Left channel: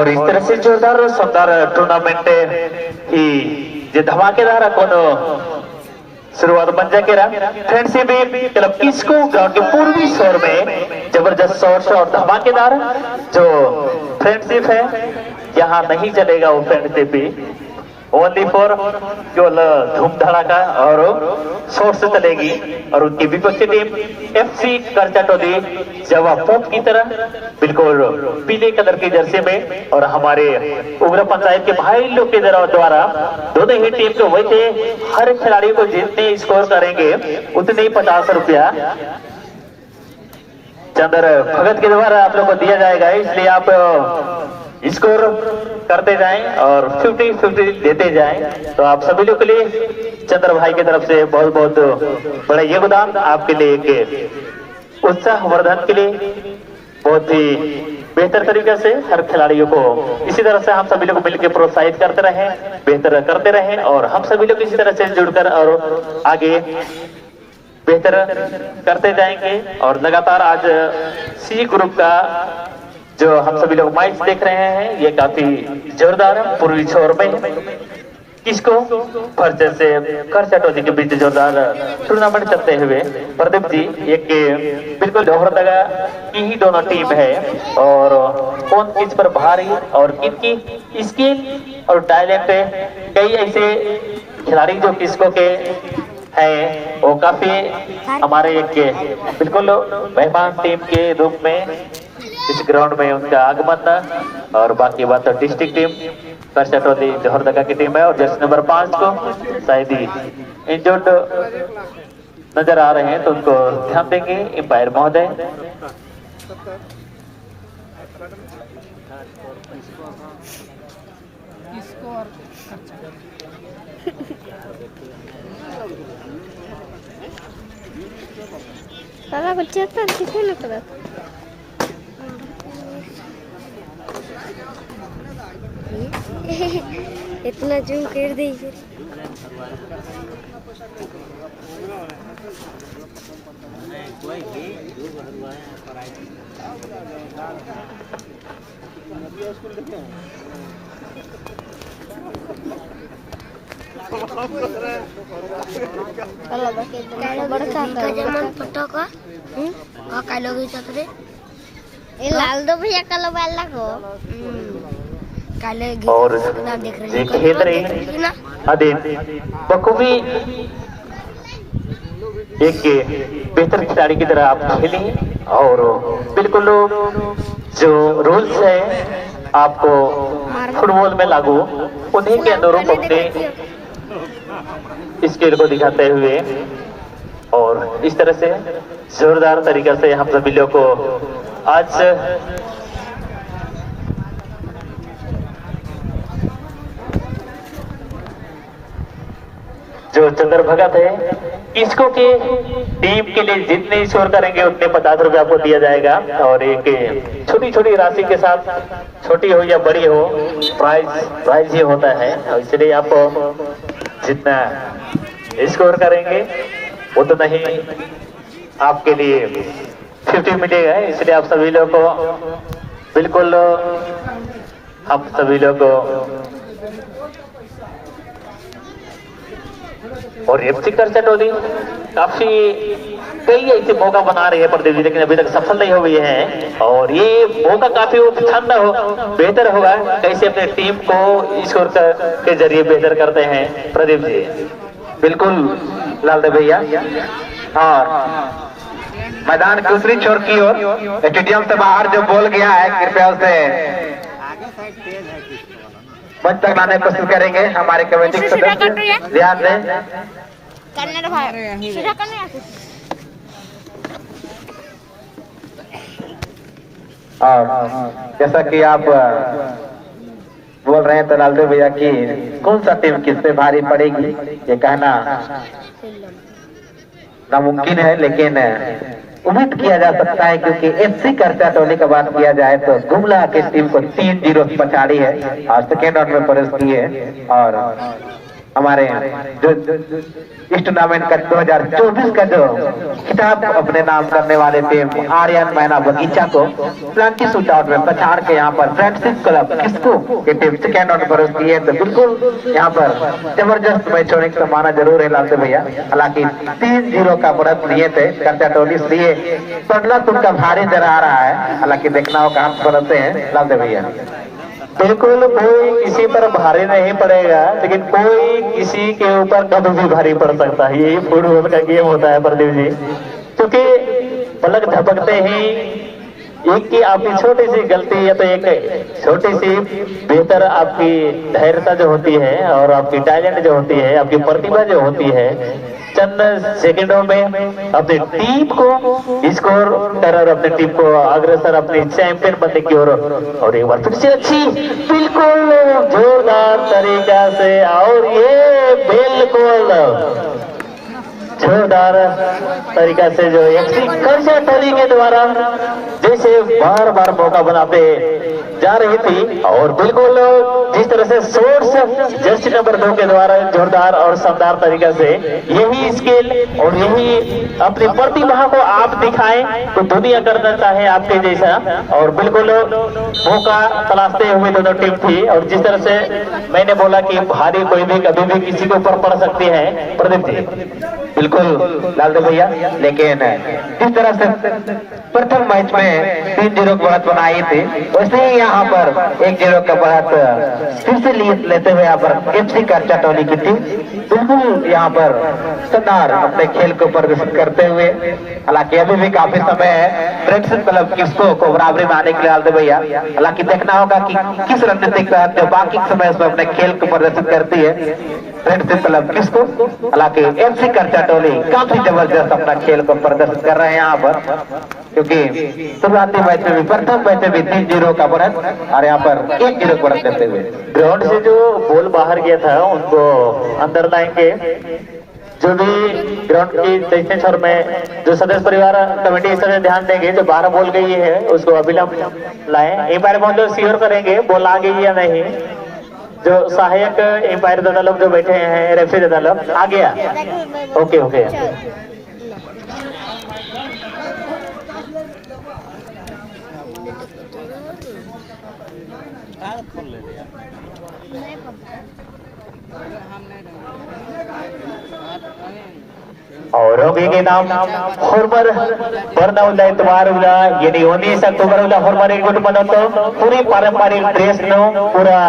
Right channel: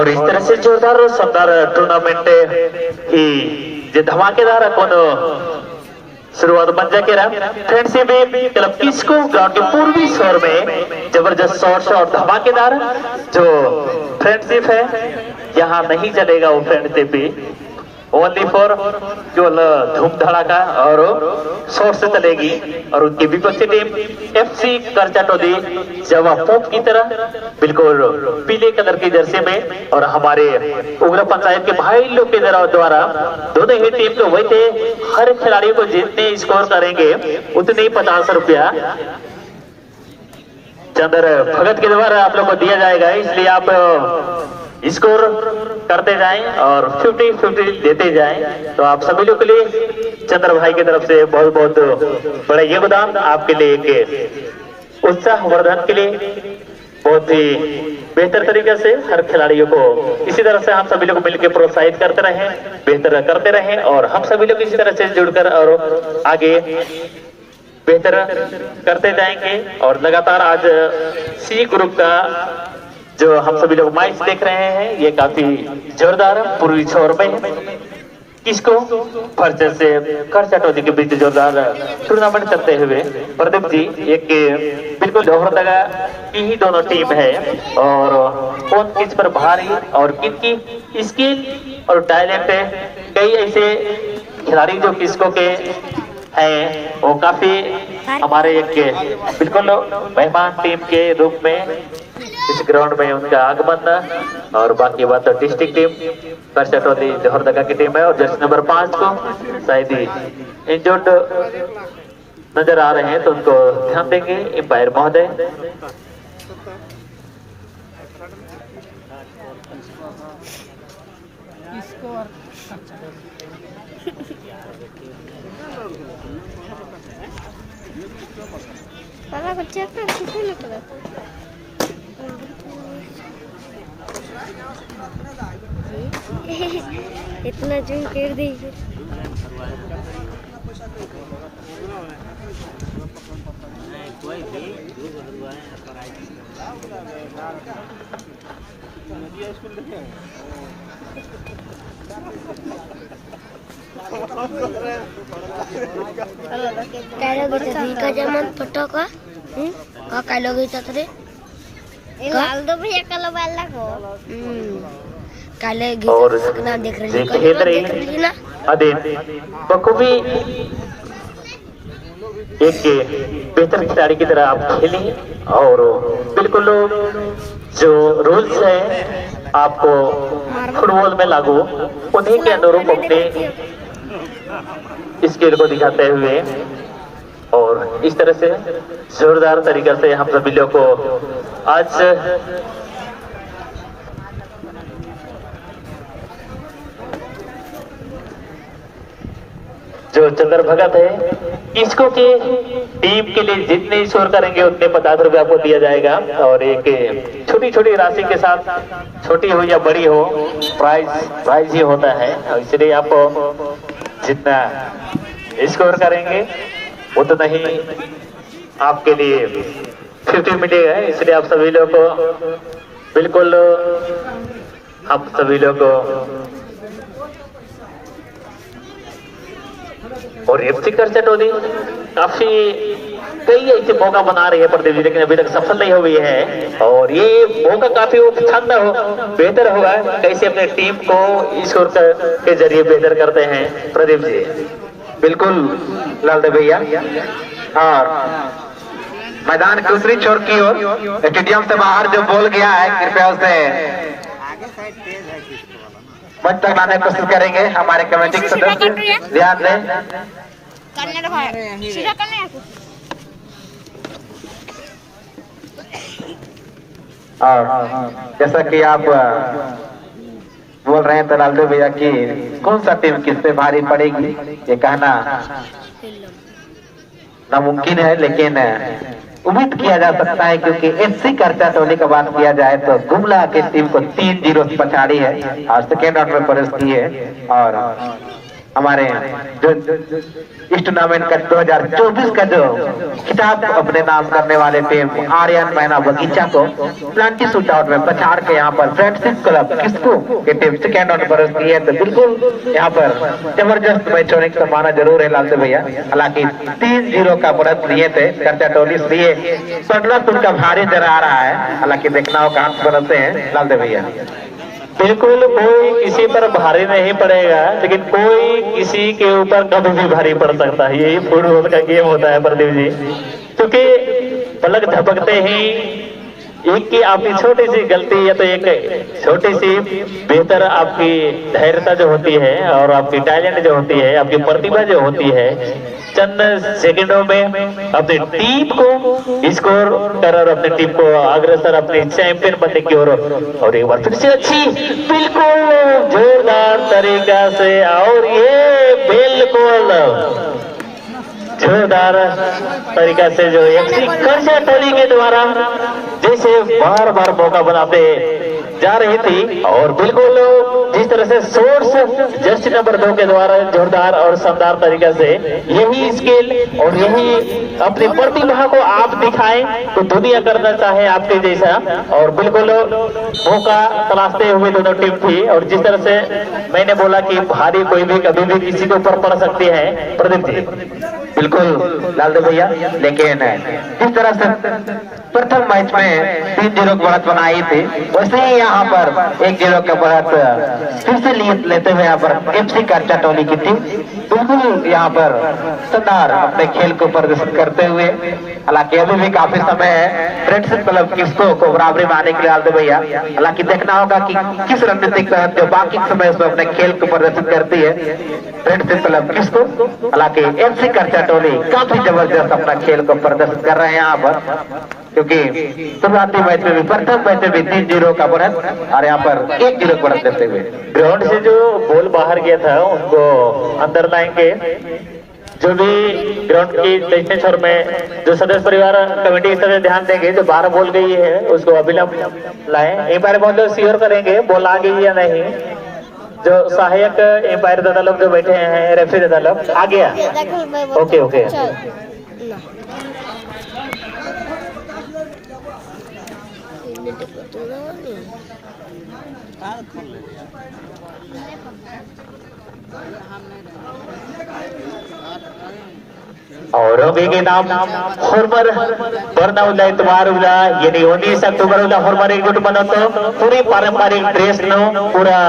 और इस तरह से जोरदार शानदार टूर्नामेंट ही जे धमाकेदार अपन शुरुआत बन जाके रहा फ्रेंडशिप क्लब किसको ग्राउंड के पूर्वी शोर में जबरदस्त शॉट्स और धमाकेदार जो फ्रेंडशिप है यहाँ नहीं चलेगा वो फ्रेंडशिप ओनली फॉर केवल धूम धड़ाका और शोर से चलेगी। और उनकी विपक्षी टीम FC करचटोली जवा पोप की तरह बिल्कुल पीले कलर की जर्सी में और हमारे उग्र पंचायत के भाई लोग के द्वारा दोनों ही टीम को वैसे हर खिलाड़ी को जितने स्कोर करेंगे उतने ही 50 रुपया चंद्र भगत के द्वारा आप लोग को दिया जाएगा। इसलिए आप स्कोर करते जाएं और 50-50 देते जाएं। तो आप सभी लोग के लिए चंद्र भाई की तरफ से बहुत बहुत बड़ा योगदान आपके लिए एक उत्साह वर्धन के लिए बहुत ही बेहतर तरीके से हर खिलाड़ियों को इसी तरह से हम सभी लोग मिलकर प्रोत्साहित करते रहें, बेहतर करते रहें और हम सभी लोग इसी तरह से जुड़कर और आगे बेहतर करते जाएंगे। और लगातार आज C ग्रुप का जो हम सभी लोग मैच देख रहे हैं ये काफी जोरदार पूर्वी छोर में किसको परिचय से करचटोली के बीच जोरदार टूर्नामेंट करते हुए प्रदीप जी एक बिल्कुल लोहरदगा की ही दोनों टीम है और कौन किस पर भारी और किनकी स्किल और टैलेंट है। कई ऐसे खिलाड़ी जो किसको के हैं वो काफी हमारे एक बिल्कुल मेहमान टीम के रूप में इस ग्राउंड में उनका आगमन और बाकी बात डिस्ट्रिक्ट टीम करचटोली लोहरदगा की टीम है। और जर्सी नंबर 5 को शायद ही इंजर्ड नजर आ रहे हैं तो उनको ध्यान देंगे एम्पायर महोदय। इतना जूम कर दीजिए। फोटो का कालो गई लाल दो भैया कल वाला को काले और देख रहे हैं बखूबी एक बेहतर खिलाड़ी की तरह आप खेलें और बिल्कुल जो रूल्स है आपको फुटबॉल में लागू उन्हीं के अनुरूप अपने स्किल को दिखाते हुए और इस तरह से जोरदार तरीके से हम सभी लोग को आज जो चंद्र भगत है इसको के टीम के लिए जितने स्कोर करेंगे उतने 50 रुपये आपको दिया जाएगा। और एक छोटी छोटी राशि के साथ छोटी हो या बड़ी हो प्राइज ही होता है। इसलिए आप जितना स्कोर करेंगे उतना ही आपके लिए 50 मिलेगा। इसलिए आप सभी लोग को बिल्कुल हम सभी लोग को और FC करचटोली काफी कई ऐसे मौका बना रही है प्रदीप जी लेकिन अभी तक सफल नहीं हुई है और ये मौका काफी शानदार बेहतर होगा कैसे अपने टीम को स्कोर के जरिए बेहतर करते हैं प्रदीप जी। बिल्कुल लालदेव भैया। और मैदान दूसरी छोर की ओर स्टेडियम से बाहर जो बॉल गया है कृपया उसे बंद करवाने की कोशिश करेंगे हमारे कमेटी के सदस्य ध्यान दें। और जैसा कि आप बोल रहे हैं तो लालदेव भैया की कौन सा टीम किस पे भारी पड़ेगी ये कहना नामुमकिन है लेकिन उम्मीद किया जा सकता है क्योंकि FC करचटोली का बात किया जाए तो गुमला की टीम को 3-0 पछाड़ी है और सेकेंड राउंड में प्रवेश की है। और हमारे जो इस टूर्नामेंट का 2024 का जो खिताब अपने नाम करने वाले थे आर्यन मैना बगीचा को प्लांटी शूट आउट में पछाड़ के यहाँ पर फ्रेंडशिप क्लब किसको के टीम सेकेंड ऑन पर दिए, तो बिल्कुल यहाँ पर जबरदस्त मैच होने का माना जरूर है लालते भैया। हालांकि 3-0 का बढ़त लिए थे करता टोली, इसलिए संतुलन उनका भारी नजर आ रहा है। हालांकि देखना हो कहां से बनते हैं लालते भैया। बिल्कुल कोई किसी पर भारी नहीं पड़ेगा, लेकिन कोई किसी के ऊपर कभी भी भारी पड़ सकता है। यही फुटबॉल का गेम होता है प्रदीप जी, क्योंकि पलक झपकते ही एक की आपकी छोटी सी गलती या तो एक छोटी सी बेहतर आपकी धैर्यता जो होती है और आपकी टैलेंट जो होती है, आपकी प्रतिभा जो होती है, चंद सेकंडों में अपनी टीम को स्कोर कर और अपनी टीम को अग्रसर अपने चैंपियन बनने की ओर और एक बार फिर से अच्छी बिल्कुल जोरदार तरीका से और ये बिल्कुल जोरदार तरीका से जो कर्जा टोली के द्वारा जैसे बार बार मौका बनाते जा रही थी और बिल्कुल जिस तरह से सोर्स जर्सी नंबर 2 के द्वारा जोरदार और शानदार तरीके से यही स्किल और यही अपनी प्रतिभा को आप दिखाएं तो दुनिया करना चाहे आपके जैसा। और बिल्कुल मौका तलाशते हुए दोनों टीम थी और जिस तरह से मैंने बोला कि भारी कोई भी कभी भी किसी के ऊपर पड़ सकती है प्रदीप जी। बिल्कुल लालदेव भैया, लेकिन जिस तरह से प्रथम मैच में 3-0 की बढ़त बनाई थी, वैसे ही यहाँ पर 1-0 का बढ़त फिर से लेते हुए यहाँ पर एफसी कर्जा टोली की टीम बिल्कुल यहाँ पर शानदार अपने खेल को प्रदर्शित करते हुए। हालांकि अभी भी काफी समय है फ्रेंडशिप क्लब किसको को बराबरी में आने के लिए लालदेव भैया। हालांकि देखना होगा कि किस रणनीति के तहत जो बाकी समय उसमें अपने खेल को प्रदर्शित करती है फ्रेंडशिप क्लब किसको। हालांकि एफसी कर्जा टोली काफी जबरदस्त अपना खेल को प्रदर्शित कर रहे हैं यहाँ पर, क्योंकि शुरुआती मैच में भी प्रथम मैच में भी 3-0 का बढ़त और यहाँ पर 1-0 बढ़त करते हुए ग्राउंड से जो बॉल बाहर गया था उनको अंदर लाएंगे। जो भी ग्राउंड की दक्षिण छोर में जो सदस्य परिवार कमेटी के सदस्य ध्यान देंगे, जो 12 बॉल गई है उसको अविलंब लाएं। एक बार बहुत श्योर करेंगे बॉल आ गई या नहीं। जो सहायक एम्पायर दादा लोग जो बैठे हैं, रेफरी दादा लोग आ गया। ओके ओके और होगी के नाम फॉर्मर बर्नाउला इतवार उला यानी 19 अक्टूबर उला फॉर्मर एक गुट बनतो पूरी पारंपरिक ड्रेस नो पूरा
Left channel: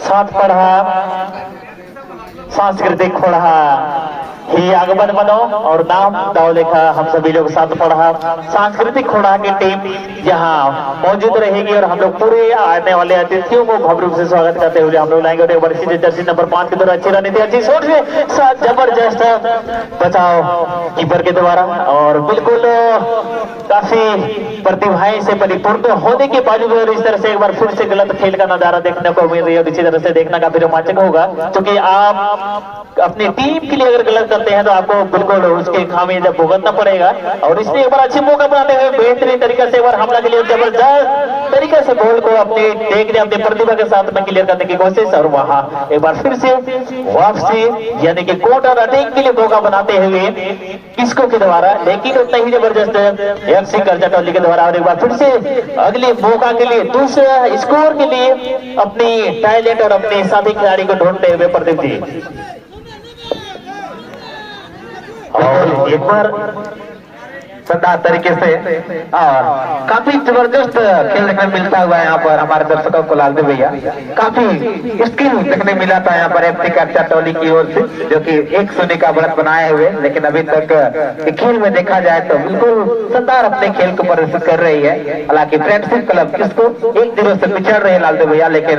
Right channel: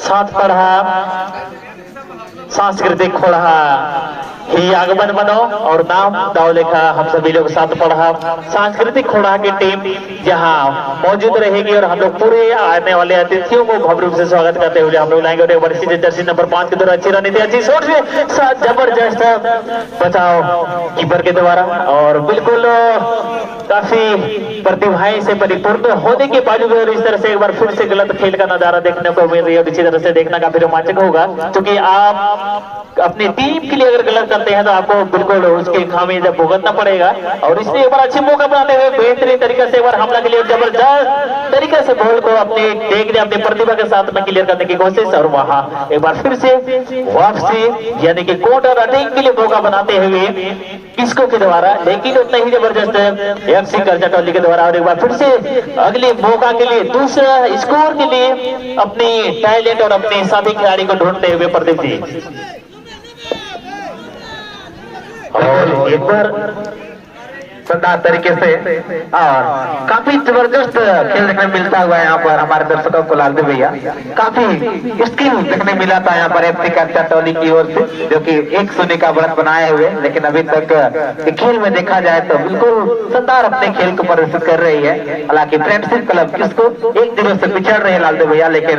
साथ पढ़ा सांस्कृतिक खोड़ा ही आगमन बनो और नाम दाव लिखा हम सभी लोग साथ पढ़ा सांस्कृतिक खोड़ा की टीम यहाँ मौजूद रहेगी और हम लोग पूरे आने वाले अतिथियों को भव्य रूप से स्वागत करते हुए हम लोग लाएंगे। और वर्षी जर्सी नंबर 5 के द्वारा अच्छी रणनीति अच्छी सोच से जबरदस्त बचाव कीपर के द्वारा और बिल्कुल काफी प्रतिभाएं से परिपूर्ण होने के बावजूद इस तरह से एक बार फिर से गलत खेल का नजारा देखने को मिल रही है। इसी तरह से देखना काफी रोमांचक होगा, क्योंकि आप अपनी टीम के लिए अगर गलत करते हैं तो आपको बिल्कुल उसके खामियाजा भुगतना पड़ेगा। और इसलिए एक बार अच्छे मौका बनाते हुए बेहतरीन तरीके से एक बार हमला के लिए जबरदस्त तरीके से बॉल को अपने देख अपनी प्रतिभा के साथ में क्लियर करने की कोशिश और वहां एक बार फिर से वापसी यानी कि कोर्टर अटैक के लिए मौका बनाते हुए किसको के द्वारा, लेकिन उतना ही जबरदस्त एफसी कर्जा टोली के द्वारा। और एक बार फिर से अगले मौका के लिए दूसरा स्कोर के लिए अपनी टैलेंट और अपने साथी खिलाड़ी को ढूंढते हुए प्रदीप जी और एक बार शानदार तरीके से और काफी जबरदस्त खेल देखने मिलता हुआ यहाँ पर हमारे दर्शकों को लालदेव भैया काफी स्किल देखने मिला था यहाँ पर एफसी कर्जा टोली की ओर से, जो कि 1-0 का बढ़त बनाए हुए। लेकिन अभी तक खेल में देखा जाए तो बिल्कुल शानदार अपने खेल को प्रदर्शित कर रही है। हालांकि फ्रेंडशिप क्लब किसको 1-0 से पिछड़ रहे हैं लालदेव भैया, लेकिन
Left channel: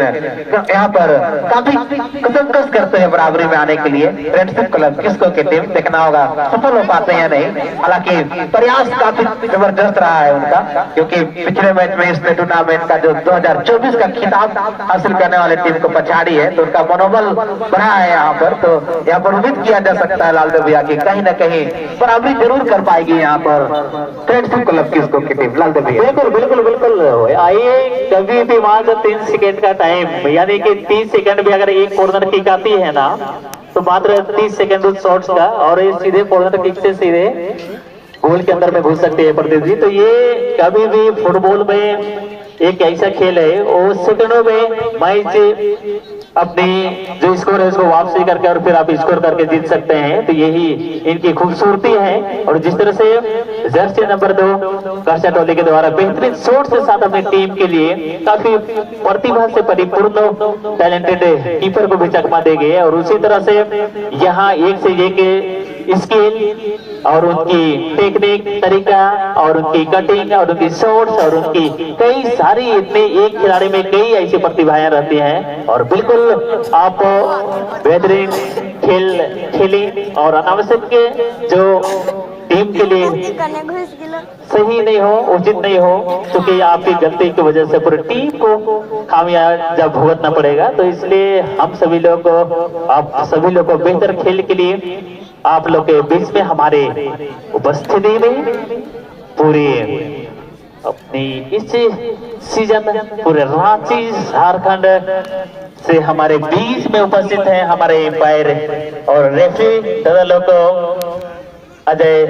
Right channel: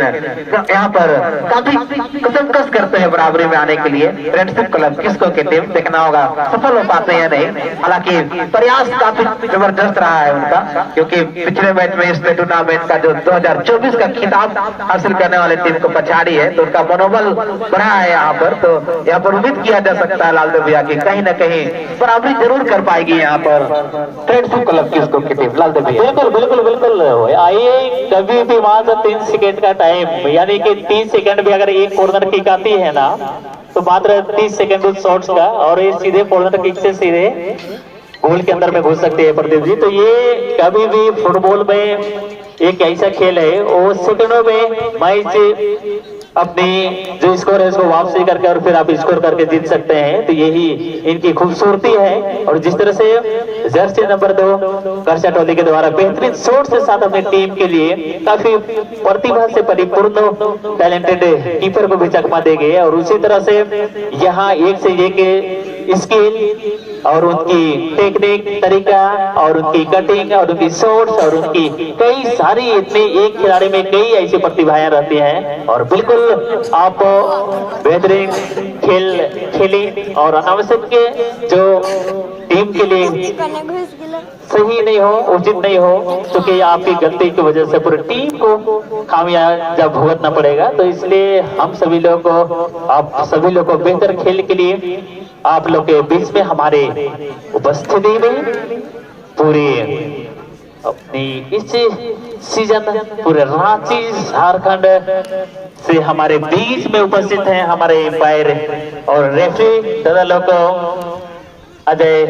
यहाँ पर काफी कसमकस करते हैं बराबरी में आने के लिए फ्रेंडशिप क्लब किसको की टीम। देखना होगा सफल हो पाते हैं या नहीं। हालांकि प्रयास प्रयास काफी जबरदस्त रहा है उनका, क्योंकि पिछले मैच में इस टूर्नामेंट का जो 2024 का खिताब हासिल करने वाले टीम को पछाड़ी है, तो उनका मनोबल बढ़ा है यहाँ पर। तो यहाँ पर उम्मीद किया जा सकता है लालदेव भैया की कहीं न कहीं बराबरी जरूर कर पाएगी यहाँ पर फ्रेंडशिप क्लब की इसको की टीम। लालदेव भैया बिल्कुल बिल्कुल बिल्कुल। आइए, कभी भी वहां जब 3 सेकेंड का टाइम, यानी कि 30 सेकेंड भी अगर एक कॉर्नर किक आती है ना, तो मात्र 30 सेकेंड उस शॉट्स का, और ये सीधे कॉर्नर किक से सीधे गोल के अंदर में घुस सकते हैं प्रदीप जी। तो ये कभी भी फुटबॉल में एक ऐसा खेल है, वो सेकंडों में मैच अपनी जो स्कोर है उसको वापसी करके और फिर आप स्कोर करके जीत सकते हैं। तो यही इनकी खूबसूरती है। और जिस तरह से जर्सी नंबर 2 वर्षा टोली के द्वारा बेहतरीन शॉट के साथ अपनी टीम के लिए काफी प्रतिभा से परिपूर्ण टैलेंटेड कीपर को भी चकमा दे गए, और उसी तरह से यहाँ एक से एक स्किल और उनकी टेक्निक तरीका और उनकी कटिंग और उनकी शॉट्स और उनकी कई सारी, इतने एक खिलाड़ी में कई ऐसी प्रतिभाएं रहती हैं। और बिल्कुल आप बेहतरीन खेल खेली, और अनावश्यक के जो टीम के लिए सही नहीं हो, उचित नहीं हो, क्योंकि आपकी गलती की वजह से पूरी टीम को खामियाजा भुगतना पड़ेगा। तो इसलिए हम सभी लोग को, आप सभी लोग को बेहतर खेल के लिए आप लोग के बीच में हमारे उपस्थिति में पूरी अपनी इस सीजन पूरे रांची झारखंड से हमारे बीच में उपस्थित हैं हमारे एम्पायर और रेफरी दादा लोग अजय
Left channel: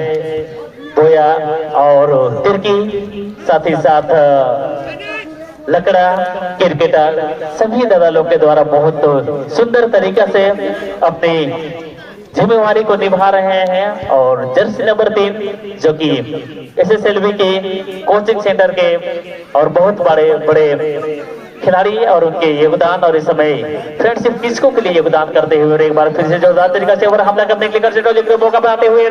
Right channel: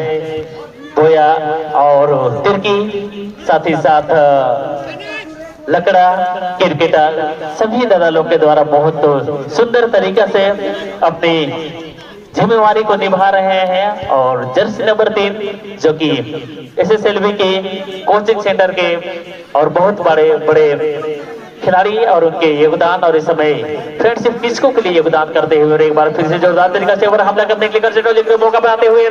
बोया और तुर्की, साथ ही साथ लकड़ा क्रिकेटर, सभी दादा लोग के द्वारा बहुत सुंदर तरीके से अपनी जिम्मेवारी को निभा रहे हैं। और जर्सी नंबर 3 जो कि SSLV के कोचिंग सेंटर के और बहुत बड़े बड़े खिलाड़ी और उनके योगदान और इस समय फ्रेंडशिप किसको के लिए योगदान करते हुए एक बार फिर से जोरदार तरीके से हमला करने के लिए मौका पाते हुए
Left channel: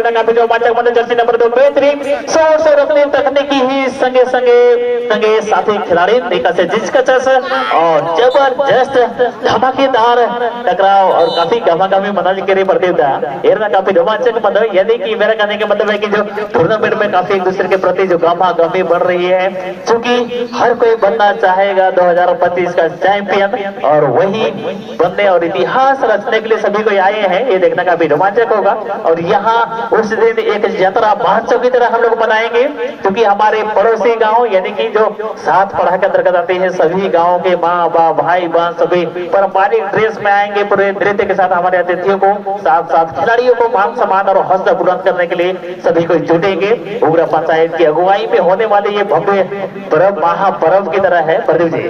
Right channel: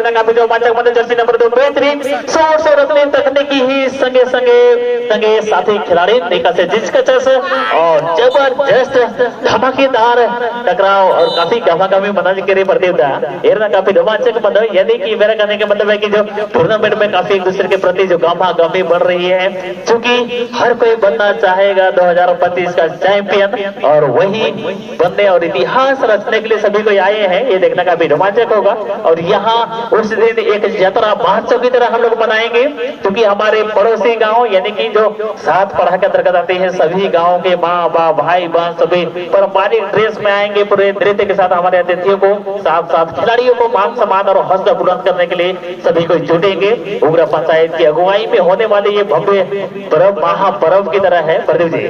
जर्सी नंबर 2 बेहतरीन शॉट और अपनी तकनीकी ही संगे साथी खिलाड़ी से जिसकचस और जबरदस्त धमाकेदार टकराव और काफी गवागामी मनाजी के लिए प्रतियोगिता काफी रोमांचक मतलब, यानी कि मेरा कहने का मतलब है कि जो टूर्नामेंट में काफी एक दूसरे के प्रति जो गवागामी बढ़ रही है, क्योंकि हर कोई बनना चाहेगा 2025 का चैंपियन, और वही बनने और इतिहास रचने के लिए सभी को आए हैं। ये देखना काफी रोमांचक होगा। और यहाँ उस दिन एक यात्रा महोत्सव की तरह हम लोग बनाएंगे, क्योंकि हमारे पड़ोसी गांव यानी कि जो साथ पढ़ा के अंतर्गत आते हैं, सभी गाँव के माँ बाप भाई बहन सभी पारंपरिक ड्रेस में आएंगे, पूरे नृत्य के साथ हमारे अतिथियों को, साथ साथ खिलाड़ियों को मान सम्मान और हौसला बुलंद करने के लिए सभी को जुटेंगे। उग्र पंचायत की अगुवाई में होने वाले ये भव्य पर्व महापर्व की तरह है। प्रदीप जी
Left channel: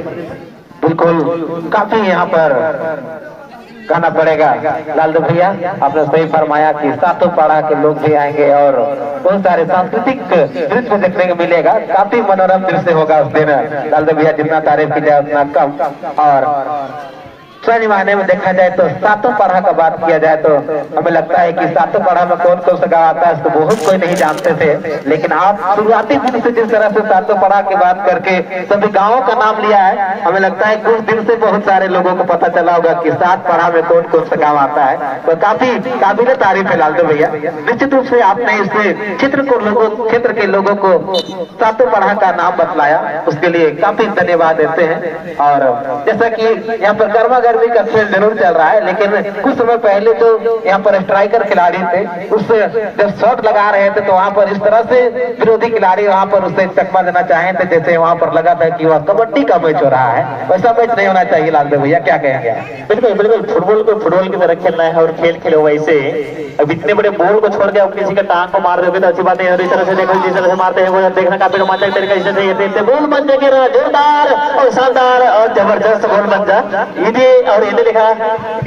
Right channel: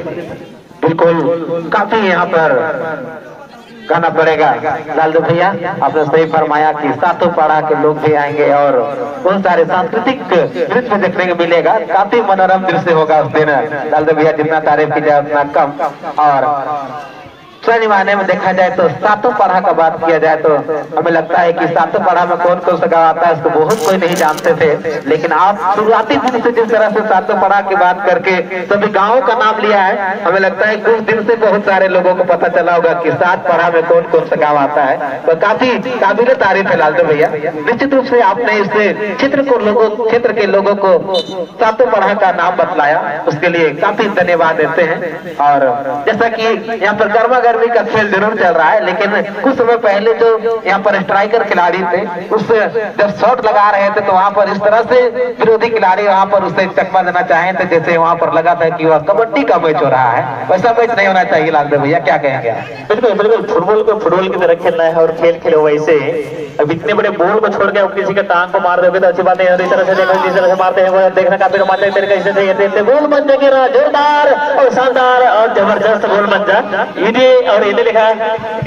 बिल्कुल, काफी यहाँ पर कहना पड़ेगा लालदेव भैया, आपने सही फरमाया कि सातों पाड़ा के लोग भी आएंगे और बहुत सारे सांस्कृतिक नृत्य देखने को मिलेगा। काफी मनोरम दृश्य होगा उस दिन। लालदेव भैया जितना तारीफ की जाए उतना कम। और सही मायने में देखा जाए तो सातों पढ़ा का बात किया जाए तो हमें लगता है कि सातों पढ़ा में कौन कौन सा गाँव आता है इसको बहुत कोई नहीं जानते थे, लेकिन आप शुरुआती दिन से जिस तरह से सातों पढ़ा की बात करके सभी गाँवों का नाम लिया है, हमें लगता है कुछ दिन से बहुत सारे लोगों को पता चला होगा कि सात पढ़ा में कौन कौन सा गाँव आता है। तो काफी काबिल तारीफ है लालदेव भैया। निश्चित रूप से आपने इस क्षेत्र के लोगों को सातों पढ़ा का नाम बतलाया, उसके लिए काफी धन्यवाद देते हैं। और जैसा कि यहाँ पर गर्मा गर्मी का खेल जरूर चल रहा है, लेकिन कुछ समय पहले जो यहाँ पर स्ट्राइकर खिलाड़ी थे, उससे जब शॉट लगा रहे थे तो वहाँ पर इस तरह से विरोधी खिलाड़ी वहाँ पर उससे एक चकमा देना चाहे थे जैसे वहाँ पर लगा था कि वह कबड्डी का मैच हो रहा है। वैसा मैच नहीं होना चाहिए लालदेव भैया, क्या कहेंगे? बिल्कुल बिल्कुल, फुटबॉल को फुटबॉल की तरह खेलना है और खेल खेलो वैसे। अब इतने बड़े बॉल को छोड़ के आप किसी के टांग को मार दोगे तो अच्छी बात है। इस तरह से देखो जिस तरह से मारते हैं वो देखना काफी रोमांचक तरीके से गोल बन जाएगा, जोरदार और शानदार और जबरदस्त गोल बन जा। और इन्हें लिखा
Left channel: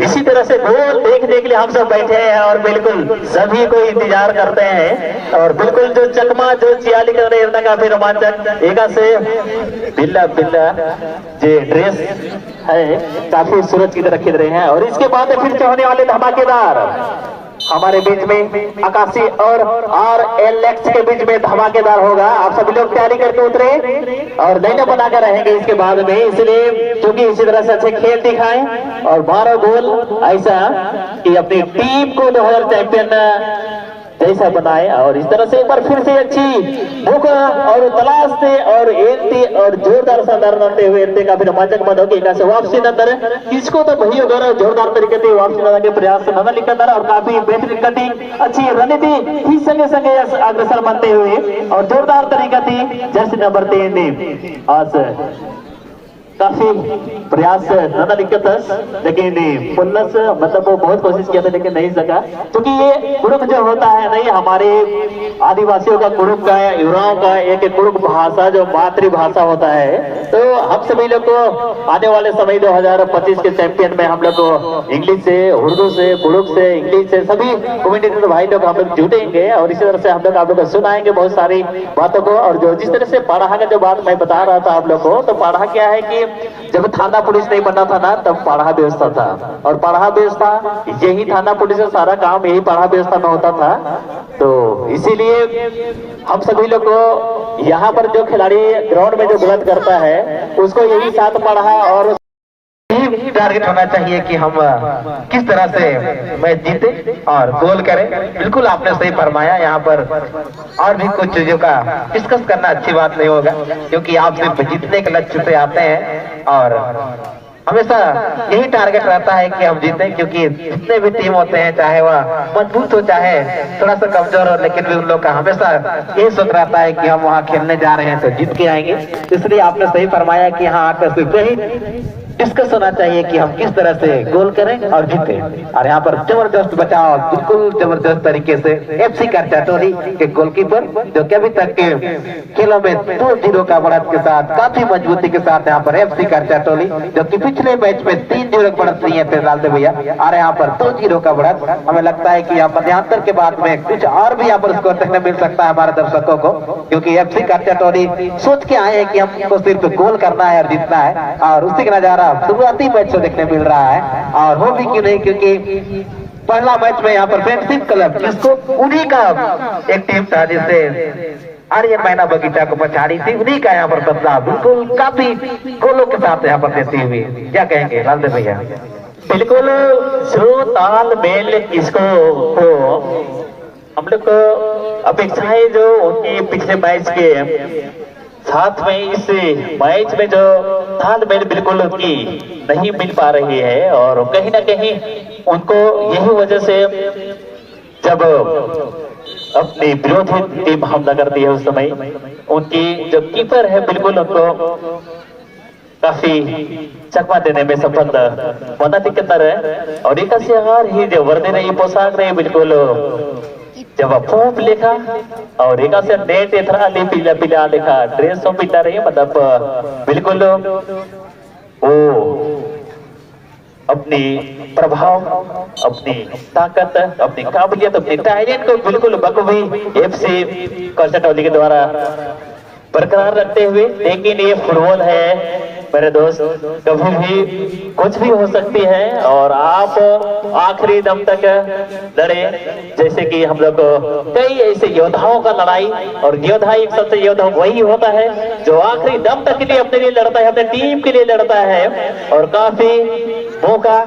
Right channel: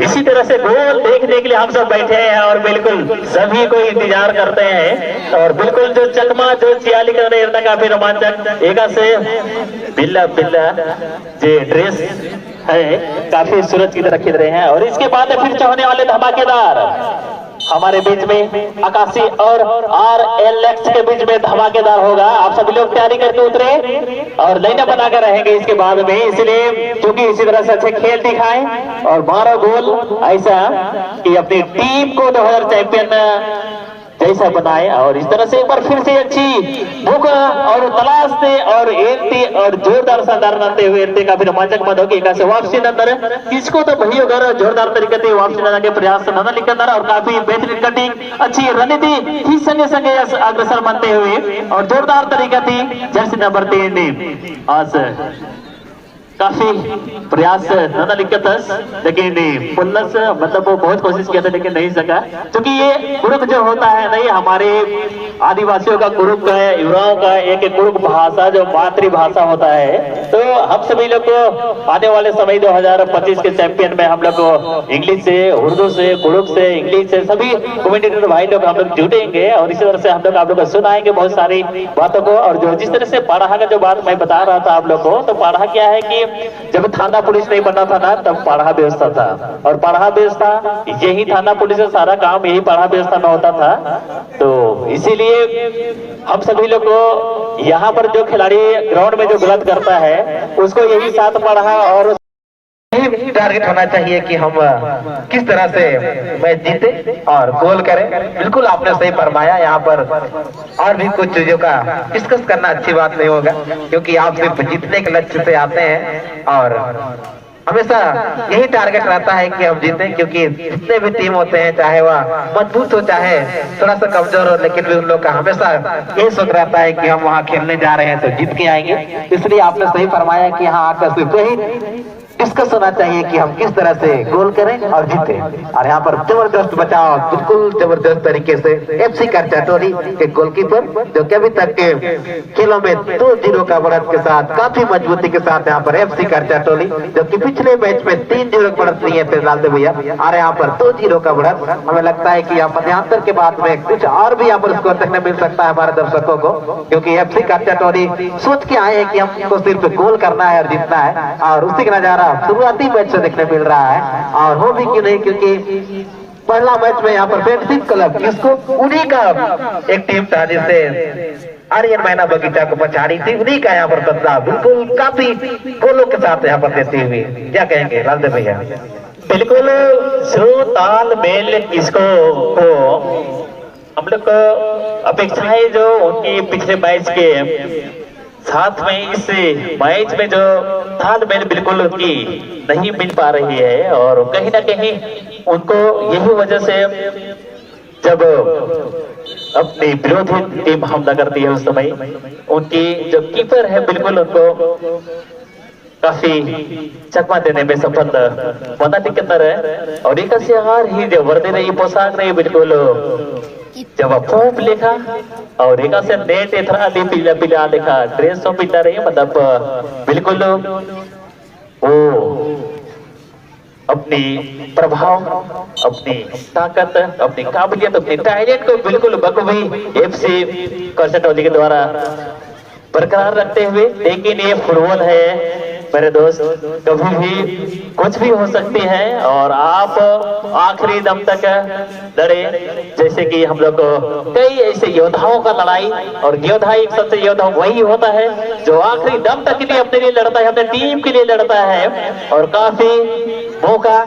इसी तरह से गोल देखने के लिए हम सब बैठे हैं और बिल्कुल सभी को इंतजार करते हैं। और बिल्कुल जो चकमा जो चियाली कर रहे हैं काफी रोमांचक एका से बिल्ला बिल्ला जो ड्रेस है काफी सूरज की तरह खिल रहे हैं। और इसके बाद फिर होने वाले धमाकेदार हमारे बीच में आकाशी और RLX के बीच में धमाकेदार होगा। आप सभी लोग तैयारी करके उतरे और लाइनअप बनाकर रहेंगे इसके बाद में, इसलिए क्योंकि इसी तरह से अच्छे खेल दिखाएं और 12 गोल ऐसा कि अपनी टीम को 2000 चैंपियन जैसा बनाए। और इस तरह से एक बार फिर से अच्छी भूख और तलाश से और एंटी और जोरदार शानदार नंदे हुए एंटी काफी रोमांचक मत होगी का से वापसी नंदर किसको तो भई अगर जोरदार तरीके से वापसी नंदर के प्रयास से नंदर लिखकर और काफी बेहतरीन कटिंग अच्छी रणनीति ही संगे संगे अग्रसर बनते हुए और जोरदार तरीका थी जर्सी नंबर 3 आज काफी प्रयास न लिखत लेकिन पुल्लस मतलब वो बहुत कोशिश किया था लेकिन नहीं सका, क्योंकि ये कुरुक जो होता है नहीं हमारे आदिवासियों का कुरुक का है, युवाओं का एक कुरुक भाषा जो मातृभाषा होता है। तो हम सभी लोग को आने वाले समय 2025 के चैंपियन में हम लोग को इंग्लिश से, उर्दू से, कुरुक से, इंग्लिश से सभी कम्युनिटी भाई लोग हम लोग जुटेंगे और इसी तरह से हम लोग आप लोग को सुनाएंगे बहुत सारी बातों को। और जो जिस तरह से पाराहा का जो बात मैं बता रहा था आप लोग को, तो पाराहा क्या है कि जब थाना पुलिस नहीं बनना था ना तब पाराहा व्यवस्था था और पाराहा व्यवस्था यही थाना पुलिस से सारा काम यही पाराहा व्यवस्था में होता था। तो इसीलिए हम सभी लोग को यहाँ पर जो खिलाड़ी ग्राउंड में जो गलत करता है उसको यही साथ पाराहा और यही टारगेट होना चाहिए कि हम किस तरह से मैच जीते और गोल करें। बिल्कुल आपने सही फरमाया, यहाँ पर और भी कुछ चीजों का डिस्कस करना अच्छी बात नहीं होगा, क्योंकि आप सिर्फ जीतने के लक्ष्य से आते हैं और हमेशा यही टारगेट रहता है कि हम जीतें। क्योंकि जितने भी टीम होते हैं चाहे वह मजबूत हो चाहे थोड़ा सा कमजोर हो, लेकिन भी उन लोग का हमेशा यही सोच रहता है कि हम वहाँ खेलने जा रहे हैं तो जीत के आएंगे। इसलिए आपने सही फरमाया कि यहाँ आकर सिर्फ यही डिस्कस होना चाहिए कि हम किस तरह से गोल करें और जीते। और यहाँ पर जबरदस्त बचाव बिल्कुल जबरदस्त तरीके से एफसी करचाटोली के गोलकीपर जो कि अभी तक के खेलों में 2-0 का बढ़त के साथ काफी मजबूती के साथ यहाँ पर एफसी करचाटोली, जबकि पिछले मैच में 3-0 बढ़त लिए थे लालदेव भैया और यहाँ पर 2-0 का बढ़त। हमें लगता है कि यहाँ मध्यांतर के बाद में कुछ और भी यहाँ पर स्कोर देखने मिल सकता है हमारे दर्शकों को, क्योंकि एफसी करचाटोली सोच के आए हैं कि हमको सिर्फ गोल करना है और जीतना है और उसी का नजारा शुरुआती मैच से देखने मिल रहा है। और वो भी क्यों नहीं, क्योंकि पहला मैच में यहाँ पर फ्रेंडशिप क्लब जिसको उन्हीं का एक टीम था जिससे आर्यन मैना बगीचा को पछाड़ी थी, उन्हीं का यहाँ पर बदलाव बिल्कुल काफी गोलों के साथ यहाँ पर देती हुई। क्या कहेंगे लालदेव भैया? बिल्कुल स्लो ताल मेल इसको हो हम लोग को अपेक्षाएं जो उनकी पिछले मैच के साथ में इस मैच में जो तालमेल बिल्कुल उनकी नहीं मिल पा रही है और कहीं ना कहीं उनको यही वजह से जब अपनी विरोधी टीम हमला करती है उस समय उनकी जो कीपर है बिल्कुल उनको काफी चकमा देने में सफल बना दिक्कत है। और एक ही जो वर्दी रही पोशाक रही बिल्कुल जब फूक लेखा और एक से नेट इतना पीला पीला देखा ड्रेस तो पीला रही मतलब बिल्कुल वो अपनी प्रभाव, अपनी ताकत, अपनी काबिलियत, अपनी टैलेंट को बिल्कुल बखूबी एफसी करचाटोली के द्वारा बरकरार रखते हुए। लेकिन ये फुटबॉल है मेरे दोस्त, कभी भी कुछ भी हो सकती है और आप आखिरी दम तक लड़े। जैसे कि हम लोग कई ऐसे योद्धाओं का लड़ाई और योद्धा एक सबसे योद्धा वही होता है जो आखिरी दम तक के लिए अपने लिए लड़ता है, अपने टीम के लिए लड़ता है और काफी मौका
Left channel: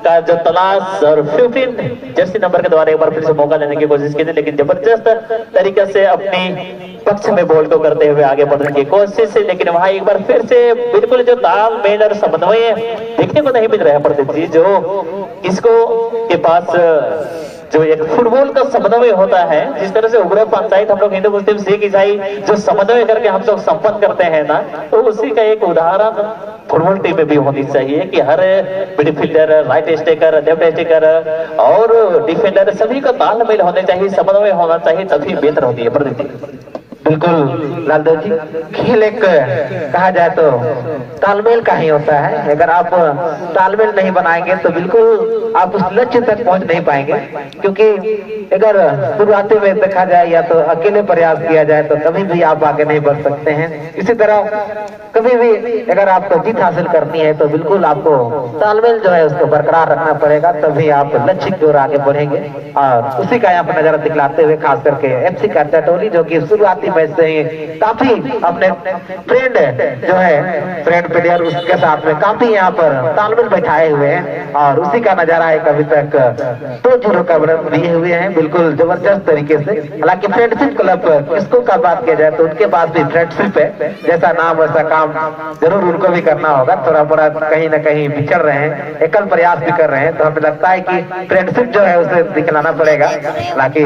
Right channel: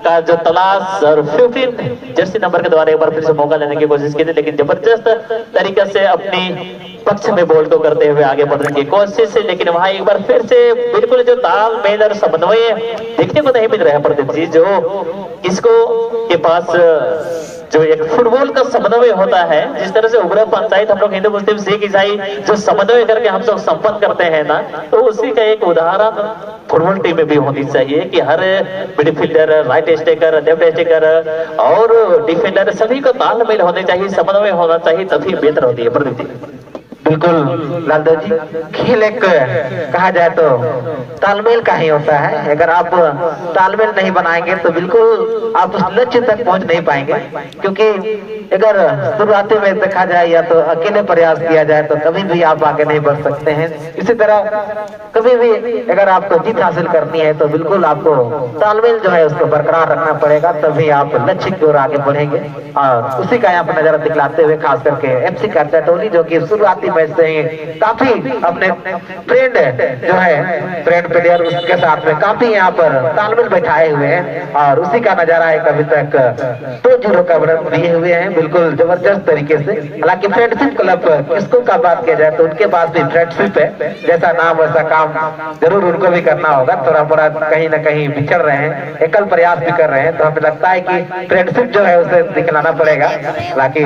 का जो तलाश और 15 जर्सी नंबर के द्वारा एक बार फिर से मौका लेने की कोशिश की थी, लेकिन जबरदस्त तरीके से अपनी पक्ष में बॉल को करते हुए आगे बढ़ने की कोशिश है। लेकिन वहां एक बार फिर से बिल्कुल जो तालमेल और समन्वय देखने को नहीं मिल रहा है प्रदीप जी, जो इसको के पास जो एक फुटबॉल का समन्वय होता है, जिस तरह से उग्र पंचायत हम लोग हिंदू मुस्लिम सिख ईसाई जो समन्वय करके हम लोग संपन्न करते हैं ना, तो उसी का एक उदाहरण फुटबॉल टीम में भी होनी चाहिए कि हर midfielder, right striker, left striker और डिफेंडर सभी का तालमेल होने चाहिए, समन्वय होना चाहिए, तभी बेहतर होती है प्रदीप जी। बिल्कुल लालदेव जी, खेल एक कहा जाए तो तालमेल का ही होता है। अगर आप तालमेल नहीं बनाएंगे तो बिल्कुल आप उस लक्ष्य तक पहुंच नहीं पाएंगे, क्योंकि अगर शुरुआती में देखा जाए या तो अकेले प्रयास किया जाए तो कभी भी आप आगे नहीं बढ़ सकते हैं। इसी तरह कभी भी अगर आपको जीत हासिल करनी है तो बिल्कुल आपको तालमेल जो है उसको बरकरार रखना पड़ेगा, तभी आप लक्ष्य की ओर आगे बढ़ेंगे। और उसी का यहाँ पर नजारा दिखलाते हुए खास करके एफसी करचाटोली जो कि शुरुआती मैच से ही काफी अपने फ्रेंड जो है फ्रेंड प्लेयर उसके साथ में काफी यहाँ पर तालमेल बैठाए हुए हैं और उसी का नजारा है अभी तक 2-0 का रन दिए हुए हैं बिल्कुल जबरदस्त तरीके से। हालांकि फ्रेंडशिप क्लब किसको का बात किया जाए तो उनके पास भी फ्रेंडशिप है, जैसा नाम वैसा काम जरूर उनको भी करना होगा। थोड़ा बड़ा कहीं ना कहीं बिछड़ रहे हैं, एकल प्रयास भी कर रहे हैं, तो हमें लगता है कि फ्रेंडशिप जो है उसे दिखलाना पड़ेगा। हालांकि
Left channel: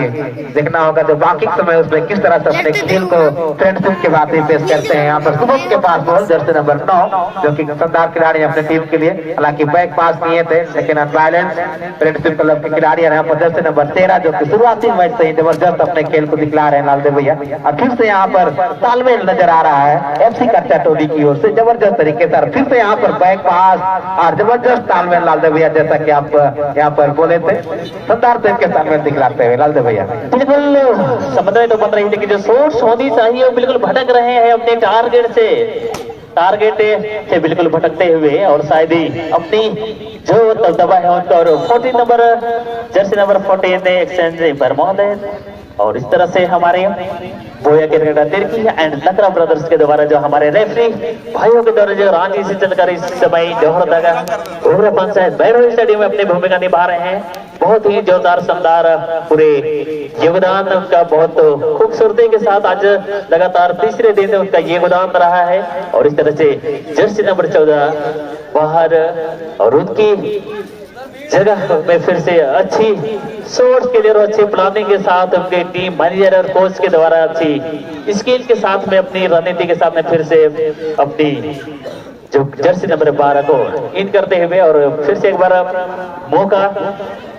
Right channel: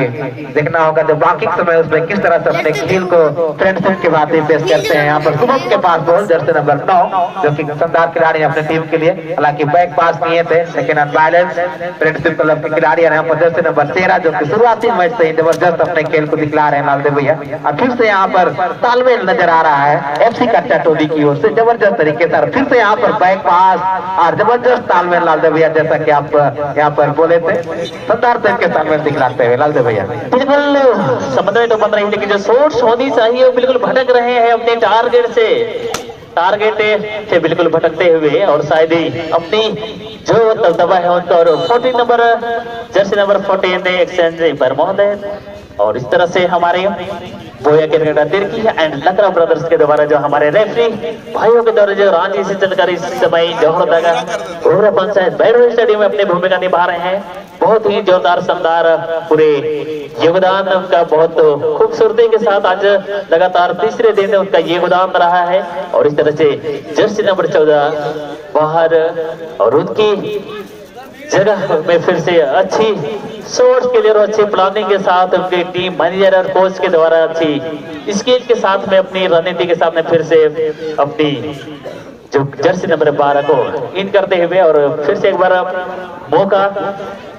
देखना होगा जो बाकी समय उसमें किस तरह से अपने खेल को फ्रेंडशिप की बातें पेश करते हैं। यहाँ पर शुभम के पास बॉल जर्सी नंबर 9 जो कि शानदार खिलाड़ी अपने टीम के लिए, हालांकि बैक पास किए थे लेकिन अनबैलेंस फ्रेंडशिप क्लब के खिलाड़ी यहाँ पर जर्सी नंबर 13 जो कि शुरुआती मैच से ही जबरदस्त अपने खेल को दिखला रहे हैं लालदेव भैया। और फिर से यहाँ पर तालमेल नजर आ रहा है FC कच्चा टोली की ओर से जबरदस्त तरीके से, फिर से यहाँ पर बैक पास और जबरदस्त तालमेल लालदेव भैया, जैसा कि आप यहाँ पर बोले थे शानदार तरीके से तालमेल दिखलाते हुए लालदेव भैया। बिल्कुल समन्वय तो बन रही है, लेकिन जो सोर्स होनी चाहिए वो बिल्कुल भटक रहे हैं अपने टारगेट से बिल्कुल भटकते हुए, और शायद ही अपनी जो दबदबा है उनका और 14 नंबर जर्सी नंबर 14 में एक्सचेंज पर महोदय, और इस तरह से हमारे बोया के तिरकी एंड लकड़ा ब्रदर्स के द्वारा जो हमारे रेफरी भाइयों के द्वारा जो रांची से जानकारी समय जौहर पंचायत बैरव स्टेडियम में अपनी भूमिका निभा रहे हैं। बहुत ही जोरदार शानदार पूरे योगदान उनका बहुत खूबसूरती के साथ आज लगातार तीसरे दिन उनका योगदान रहा है, और इस तरह से जर्सी नंबर 14 बाहर और उनकी जगह में फिर से अच्छी सोच के लिए अच्छी प्लानिंग के साथ उनके टीम मैनेजर और कोच के द्वारा अच्छी स्किल के साथ में अपनी रणनीति के साथ में फिर से अपनी जो जर्सी नंबर 12 को इन करते हुए और फिर से एक बार मौका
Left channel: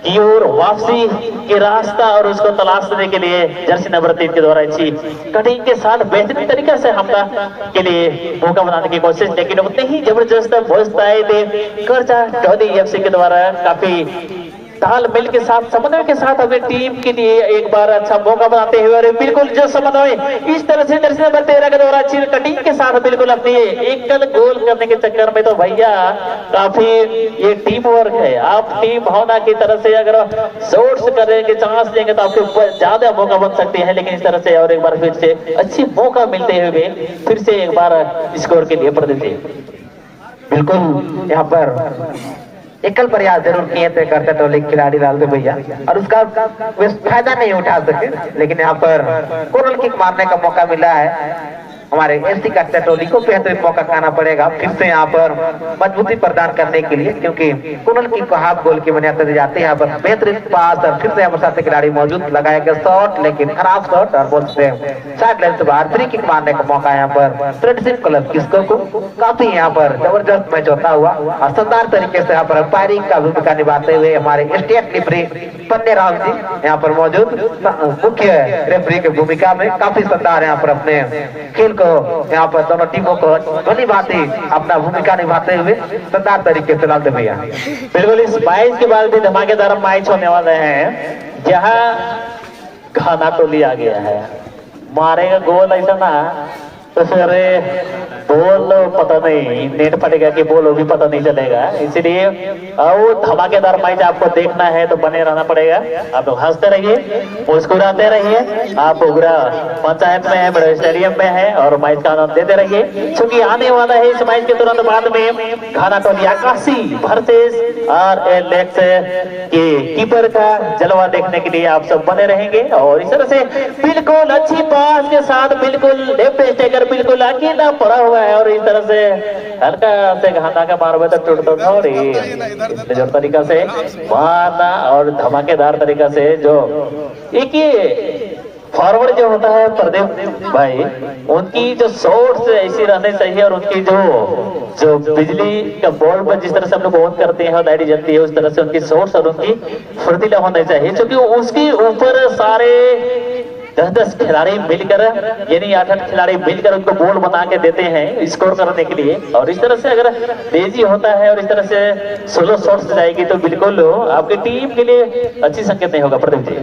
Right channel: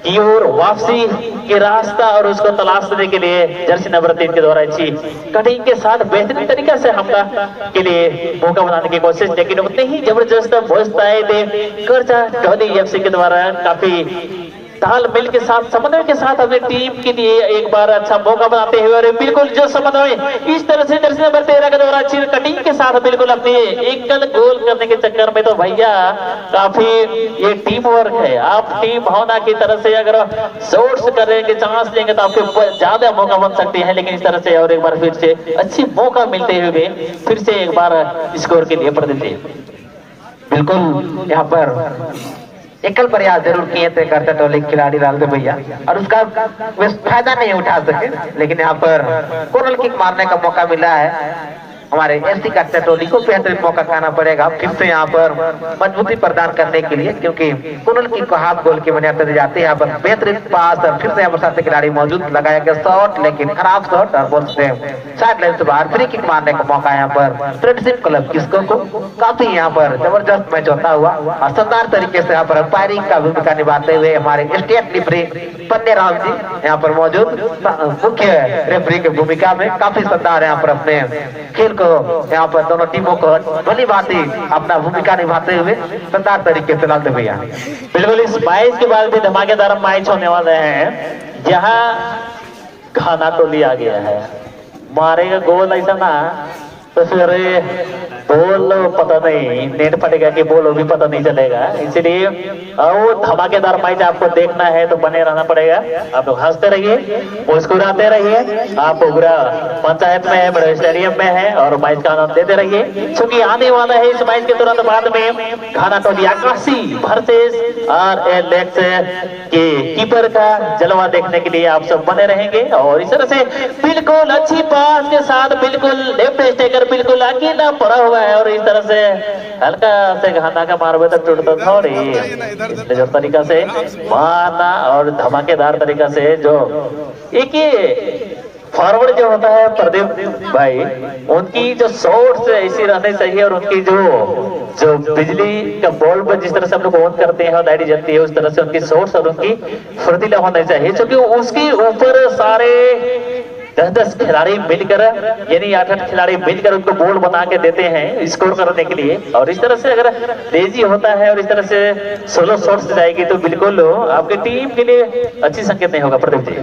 की ओर वापसी के रास्ता और उसको तलाशने के लिए जर्सी नंबर 3 के द्वारा अच्छी कटिंग के साथ बेहतरीन तरीके से हमला के लिए मौका बनाने की कोशिश, लेकिन उतने ही जबरदस्त आए थे कर्जा टोली FC के द्वारा काफी तालमेल के साथ समन्वय के साथ अपनी टीम के लिए एक बार अच्छा मौका बनाते हुए, और बिल्कुल जो समन्वय इस तरह से जर्सी नंबर 13 के द्वारा अच्छी कटिंग के साथ बिल्कुल अपनी एकल गोल करने के चक्कर में तो भैया काफी ये टीम वर्क है। आप टीम भावना की तरह से अगर सोर्स करेंगे चांस लेंगे तो आपको ज्यादा मौका बन सकते हैं, लेकिन इस तरह से और एक बार फिर से अच्छी मौका मिलते हुए फिर से एक बार स्कोर के लिए प्रतिनिधि बिल्कुल यहाँ पर एकल प्रयास जरूर किए थे करते टोली खिलाड़ी लालदेव भैया, और उसका फायदा नहीं उठा सके, लेकिन यहाँ पर कोर्नर किक मारने का मौका मिला है हमारे FC कच्चा टोली को। बेहतरीन मौका खाना पड़ेगा फिर से यहाँ पर मजबूती प्रदान करने के लिए, क्योंकि कोर्नर किक को हाफ गोल की बुनियाद पर जाते हैं। यहाँ पर बेहतरीन पास और फिर से यहाँ पर साथी खिलाड़ी मौजूद, लगाया गया शॉट लेकिन खराब शॉट और बोल से साइड लाइन से बाहर फ्री किक मारने का मौका यहाँ पर फ्रेंडशिप क्लब किसको को काफी यहाँ पर जबरदस्त मैच होता हुआ और शानदार तरीके से यहाँ पर अंपायरिंग का भूमिका निभाते हुए हमारे स्टेट रेफरी पन्ने राम जी यहाँ पर मौजूद, मुख्य रेफरी की भूमिका में काफी शानदार यहाँ पर अपने खेल यहाँ पर दोनों टीमों को बड़ी भांति अपना भूमिका निभाते हुए शानदार तरीके से लालदेव भैया। बिल्कुल इस 22 के बाद भी धमाकेदार मैच होने वाले हैं, जहाँ घाना टोली आ गया है, मारेगा गोल ऐसा ना तो फिर बोल पता नहीं नेट फटेगा कि बोल भी पता नहीं चलेगा, इसलिए वो धमाकेदार मैच आपको देखना है तो बने रहना पड़ेगा। आप लोग हंसते रहिए, मुस्कुराते रहिए, आप पूरा पंचायत में है, बड़े स्टेडियम में है और मैच का आनंद देते रहिए, क्योंकि आने वाला है इस मैच के तुरंत बाद में घाना टोली आकाशी वर्सेस RLX के कीपर का जलवा देखने के लिए आप सब बने रहेंगे। और इस तरह से बिल्कुल अच्छी पास के साथ बिल्कुल लेफ्ट स्टेकर बिल्कुल अकेला पड़ा हुआ है, और इस तरह से हल्का से घाना का मारवे तो टूटता था, और इसलिए जो तरीका से मारना और धमाकेदार तरीका से जो एक ये फॉरवर्ड जो होता है प्रदीप भाई, उनकी जो शॉट्स ऐसी रहनी चाहिए और उनकी जो बिजली का बॉल पर जिस तरह से हम लोग ऑन करते हैं और लाइट जलती है उस तरह से उनकी शॉट्स और उनकी फुर्तीला होने चाहिए, क्योंकि उसके ऊपर सारे 10-10 खिलाड़ी मिलकर यानी 8-8 खिलाड़ी मिलकर उनको बॉल बना के देते हैं स्कोर करने के लिए। और इस तरह से अगर तेजी होता है और इस तरह से 16 शॉट्स जाएगी तो बिल्कुल आपकी टीम के लिए अच्छी संकेत नहीं होगा प्रदीप जी।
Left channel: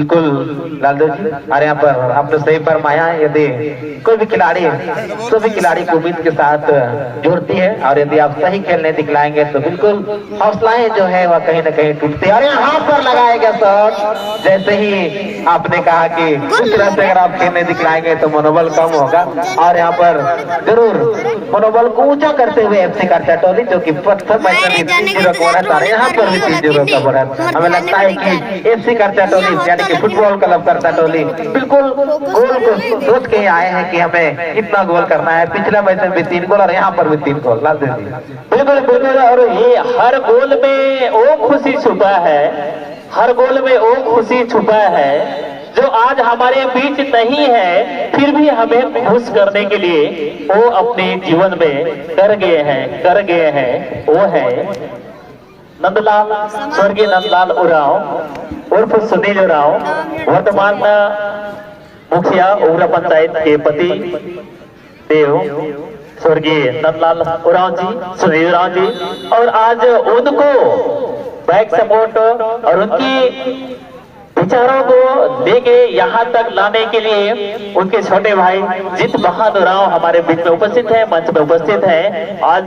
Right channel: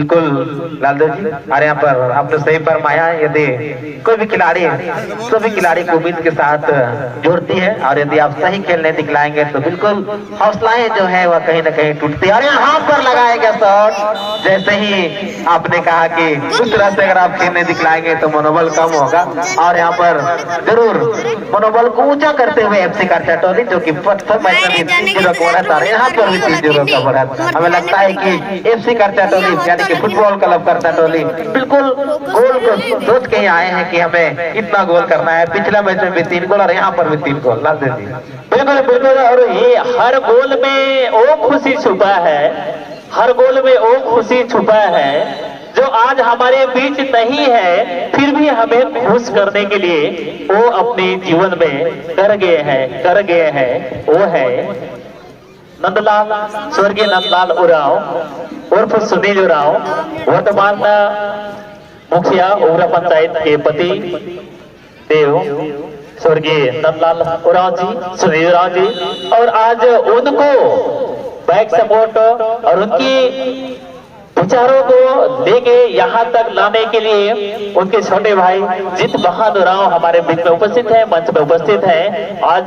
बिल्कुल लालदेव जी, और यहाँ पर आपने सही फरमाया, यदि कोई भी खिलाड़ी सभी खिलाड़ी को उम्मीद के साथ जोड़ती है, और यदि आप सही खेलने दिखलाएंगे तो बिल्कुल हौसलाएं जो है वह कहीं ना कहीं टूटती है। और यहाँ पर लगाएगा शॉट, जैसे ही आपने कहा कि उस तरह से अगर आप खेलने दिखलाएंगे तो मनोबल कम होगा, और यहाँ पर जरूर मनोबल को ऊंचा करते हुए FC करचा टोली जो कि प्रथम मैच में 3-0 का बढ़त, और यहाँ पर भी 3-0 का बढ़त। हमें लगता है कि FC करचा टोली यानी कि फुटबॉल क्लब करचा टोली बिल्कुल गोल को सोच के ही आए हैं कि हमें इतना गोल करना है। पिछला मैच में भी 3 गोल और यहाँ पर भी 3 गोल। लालदेव जी बिल्कुल बिल्कुल, और ये हर गोल में वो खुशी छुपा है, हर गोल में वो खुशी छुपा है जो आज हमारे बीच नहीं है, फिर भी हमें खुश करने के लिए वो अपने जीवन में कर गए हैं। वो है नंदलाल, स्वर्गीय नंदलाल उरांव उर्फ सुनील उरांव, वर्तमान मुखिया उग्र पंचायत के पति देव स्वर्गीय नंदलाल उरांव जी, सुनील उरांव जी। और आज उनको बैक सपोर्ट और उनकी विचारों को लेके यहाँ तक लाने के लिए उनके छोटे भाई जीत बहादुर राव हमारे बीच में उपस्थित है, मंच में उपस्थित है। आज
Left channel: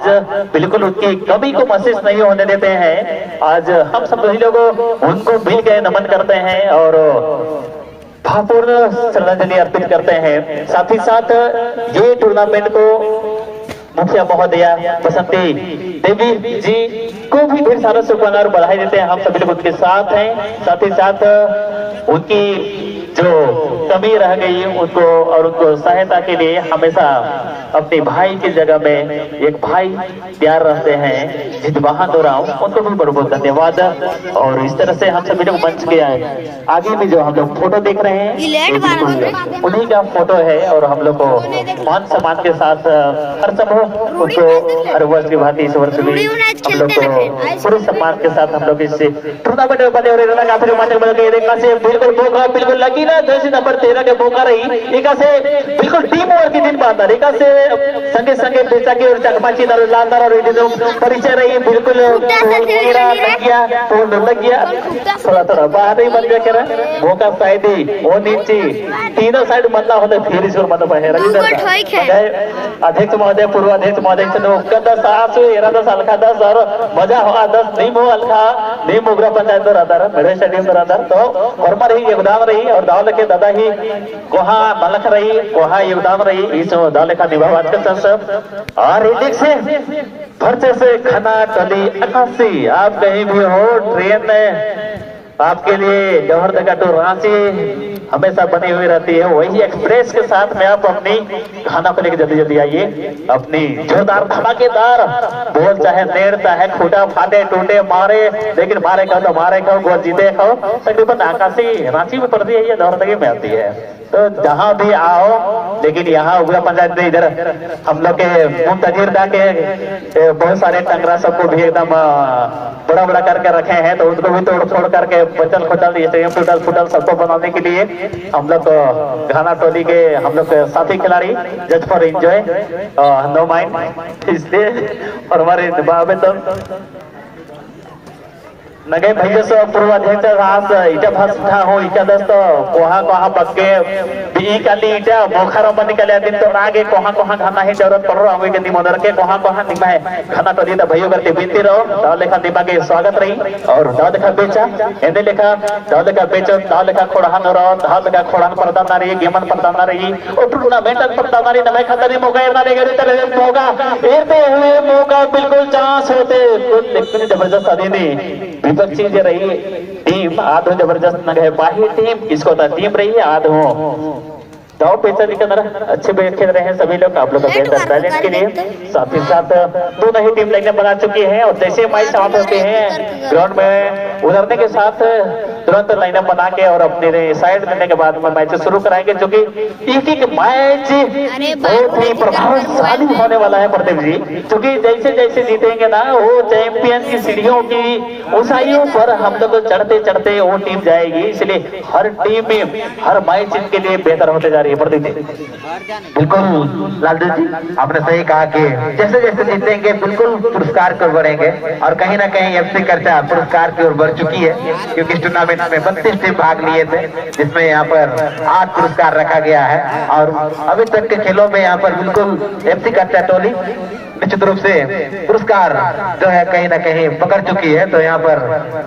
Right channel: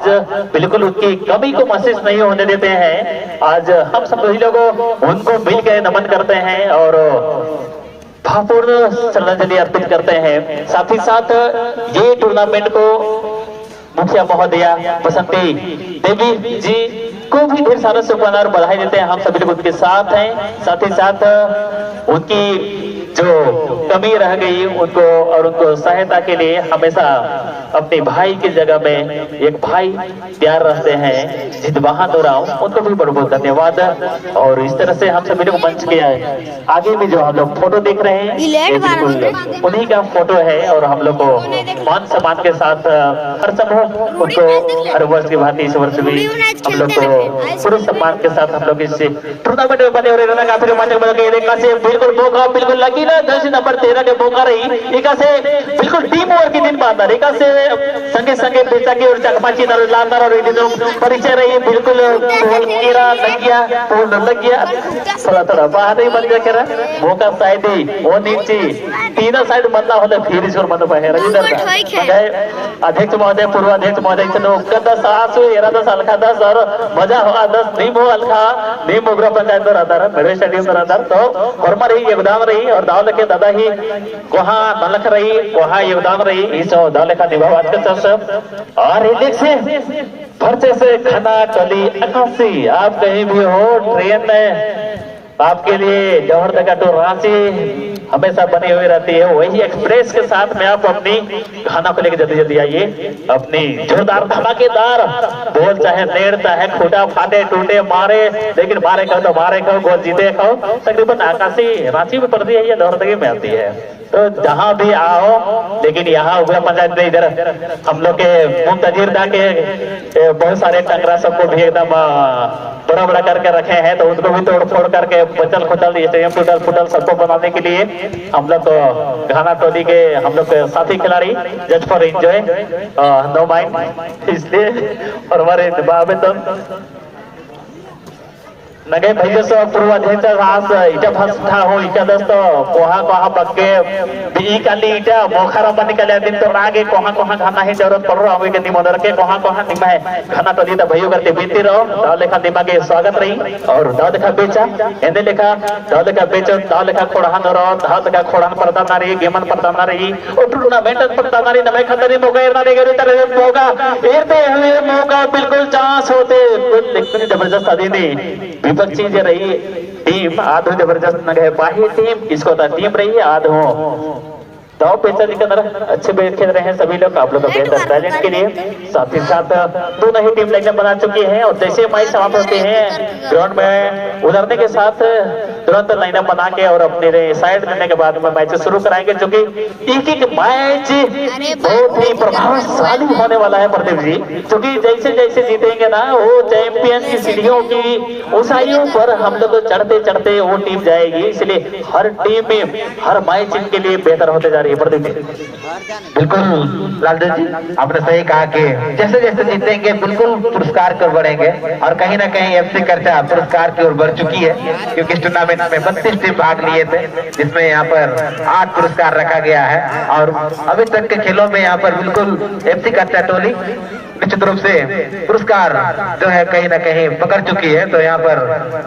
बिल्कुल उनकी कमी को महसूस नहीं होने देते हैं। आज हम सब लोग उनको मिल के नमन करते हैं और भावपूर्ण श्रद्धांजलि अर्पित करते हैं। साथ ही साथ ये टूर्नामेंट को मुखिया महोदया बसंती देवी जी को भी ढेर सारे शुभकामनाएं और बधाई देते हैं। हम सभी लोग उनके साथ हैं। साथ ही साथ उनकी जो कमी रह गई उनको और उनको सहायता के लिए हमेशा अपने भाई की जगह में एक भाई तैयार रहते हैं जित बहादुर राव, उनको भी बहुत बहुत धन्यवाद। और इस तरह से हम सभी लोग मंच के आगे भी जो हम लोग फोटो देख रहे हैं उन्हीं का फोटो है, और हम लोग को मान सम्मान के साथ हर समय उनको हर वर्ष की भांति इस वर्ष भी हम लोग को पूर्ण सम्मान के साथ हम लोग इस टूर्नामेंट में बने हुए रहना काफी रोमांचक बन गए। बिल्कुल मौका बिल्कुल लगी ना, जैसे नंबर 13 के मौका रही एक से बिल्कुल टीम वर्क की दिन बात एक से संगे संगे बेचा की और चकमाची लांदार और परिचय रही। बिल्कुल लग गया थोड़ा थोड़ा बाहर ही बन गया मौका साइड वो नीचे तीनों साइड मधला होता फिर इसवर मत बाहेर अध्यक्ष महोदय पूर्वाध्यक्ष महोदय 10 अलखा 10 और मजा हुआ 10 नीम हो अलखा नीम उग्र पंचायत आधार मेरे स्टेडियम आधार तो वर्मा रही योगदान रही और दाव लेके दादा ही कोहा नलख रही कोहा योगदान रही इस दाव लेखा निभावात के सब और एक से खर्चे से खाना टली 88 आप कहीं भी हो ट्रेन में आपके लिए जौहर टू रांची हमेशा बनी हुई रहती है। वही एक्सप्रेस के साथ में आप अपनी खाना को लेकर जल्दी जल्दी आइए। अपनी जोरदार धमाकेदार बोल चाहे नेड़ चाहे खूटा फाटे टूटे मारे, लेकिन मारे खाओ तो मारे खाओ गोल जीते खाओ। तकरीबन आकाशी रांची में पड़ती है, ये जौहर में आती है। तो जहां भी आओ, लेकिन यहाँ उग्र पंचायत में इधर हम लोग के मुंतजिर के बहुत सारे टंगरा सबको भी एकदम बड़ा बड़ा करके रखे हैं, तो उनको भी तोड़ फोड़ करके बचल खुचल टूटल फुटल सबको बनाने के लिए हम लोग घाना टोली के हम लोग साथी खिलाड़ी just for enjoy no mind इसलिए और हमारे तो नगे भैया पूर्वाध्यक्ष रास इटा भस्था हो इटा दस्त कोहा कोहा बक्के बी काली इटा मोखारा बन निकले दिन तो आगे कोहा कोहा खाना ही जरूरत पड़ रहा होगी मदर के कोहा कोहा निमा है खाना तो जीता भैया करते बीती रहो दाव लेखा दिमाग के स्वागत रही और दाव लेखा बेचा एने लेखा दाव लेखा बेचो दाव लेखा खोड़ान रहो दाव लेखा खोड़ान पड़ता ना रही गेमन पड़ता ना रही और टूर्नामेंट पड़ता ना रही नमे खतरी मौका ना रहेगा तले मौका एते हुए मौका बिल्कुल चांस होते लेकिन जबरदस्त आदमी विपक्षी जो रही टीम आध जबरदस्त नगे बाही टीम इसको टीम रही है आध हो दाव पेचा जी के अंदर अच्छे बेस खेल रहे हैं सभी लोग। आप लोग का बेहतर बैलेंस के लिए साथ ही साथ दोनों ही टीम लाइनें बना चुकी हैं और जैसे मैच समाप्त होते हैं ग्राउंड में उतरने के साथ तुरंत लाइनें बना के और अपने साइड देने के बाद में मैच शुरू कराएंगे, जो कि एक एक मैच बहुत ही प्रभावशाली होने वाला है प्रदीप जी, क्योंकि जैसे जैसे जीतेंगे ना वो चैंपियन की सीढ़ियों की ऊंचाइयों पर हम लोग चढ़ते चढ़ते वो टीम जाएगी। इसलिए हर टीम में हर मैच इनके लिए बेहतर होते जा रही है। बिल्कुल लालदेव जी आपने सही कहा कि जैसे जैसे जीतेंगे बिल्कुल पुरस्कार की ओर बढ़ेंगे और कहीं ना कहीं FC करचा पुरस्कार की ओर बढ़ चुकी है, क्योंकि इस टूर्नामेंट टूर्नामेंट में 32 टीम भाग लिए थे, जिसमें यहाँ पर 8 पुरस्कार रखा गया है। और अभी तक के खेलों में यहाँ पर बिल्कुल एफसी कच्चा टोली निश्चित रूप से पुरस्कार जो है कहीं ना कहीं पकड़ चुकी है। तो यहाँ पर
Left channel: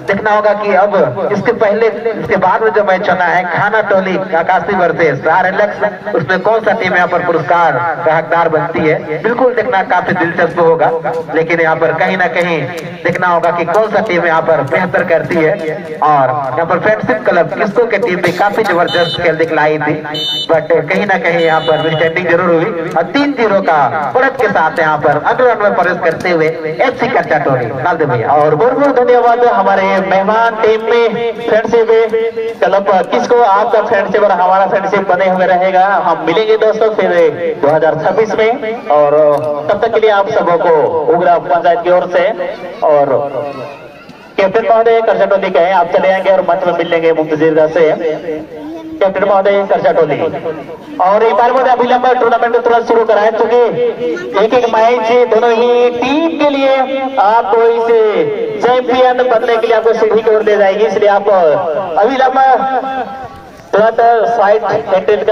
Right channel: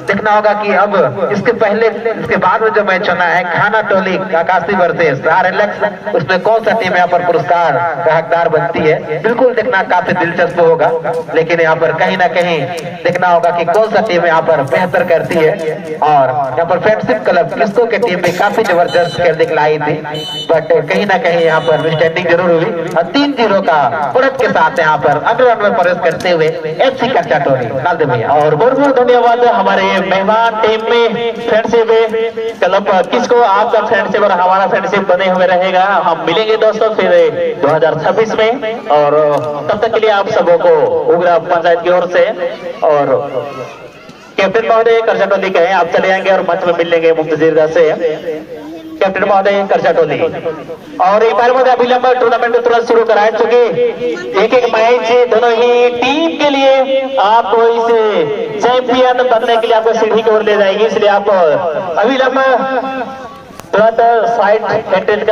देखना होगा कि अब इसके बाद में जो मैच होना है खाना टोली आकाशी वर्सेस RLX, उसमें कौन सा टीम यहाँ पर पुरस्कार का हकदार बनती है, बिल्कुल देखना काफी दिलचस्प होगा। लेकिन यहाँ पर कहीं ना कहीं देखना होगा कि कौन सा टीम यहाँ पर बेहतर करती है। और यहाँ पर फ्रेंडशिप क्लब किसको की टीम भी काफी जबरदस्त खेल दिखलाई थी, बट कहीं ना कहीं यहाँ पर स्टैंडिंग जरूर हुई और 3-0 का बढ़त के साथ यहाँ पर अगले रन में प्रवेश करते हुए एफसी कच्चा टोली डाल दे भैया। और बहुत बहुत धन्यवाद हमारे मेहमान टीम में फ्रेंडशिप क्लब किसको आपका फ्रेंडशिप और हमारा फ्रेंडशिप बने हुए रहेगा। हम मिलेंगे दोस्तों फिर 2026 में, और तब तक के लिए आप सबों को उग्रा पंचायत की ओर से और कैप्टन महोदय कर्जा टोली कहे आप चले आएंगे और मंच में मिल लेंगे मुफ्त दीर्घा से कैप्टन महोदय कर्जा टोली। और एक बार में अभिलंब टूर्नामेंट को तुरंत शुरू कराए, क्योंकि एक मैच दोनों ही टीम के लिए आपको इस चैंपियन बनने के लिए आपको सीढ़ी की ओर ले जाएगी, इसलिए आप अभिलंब तुरंत साइड मेंटेन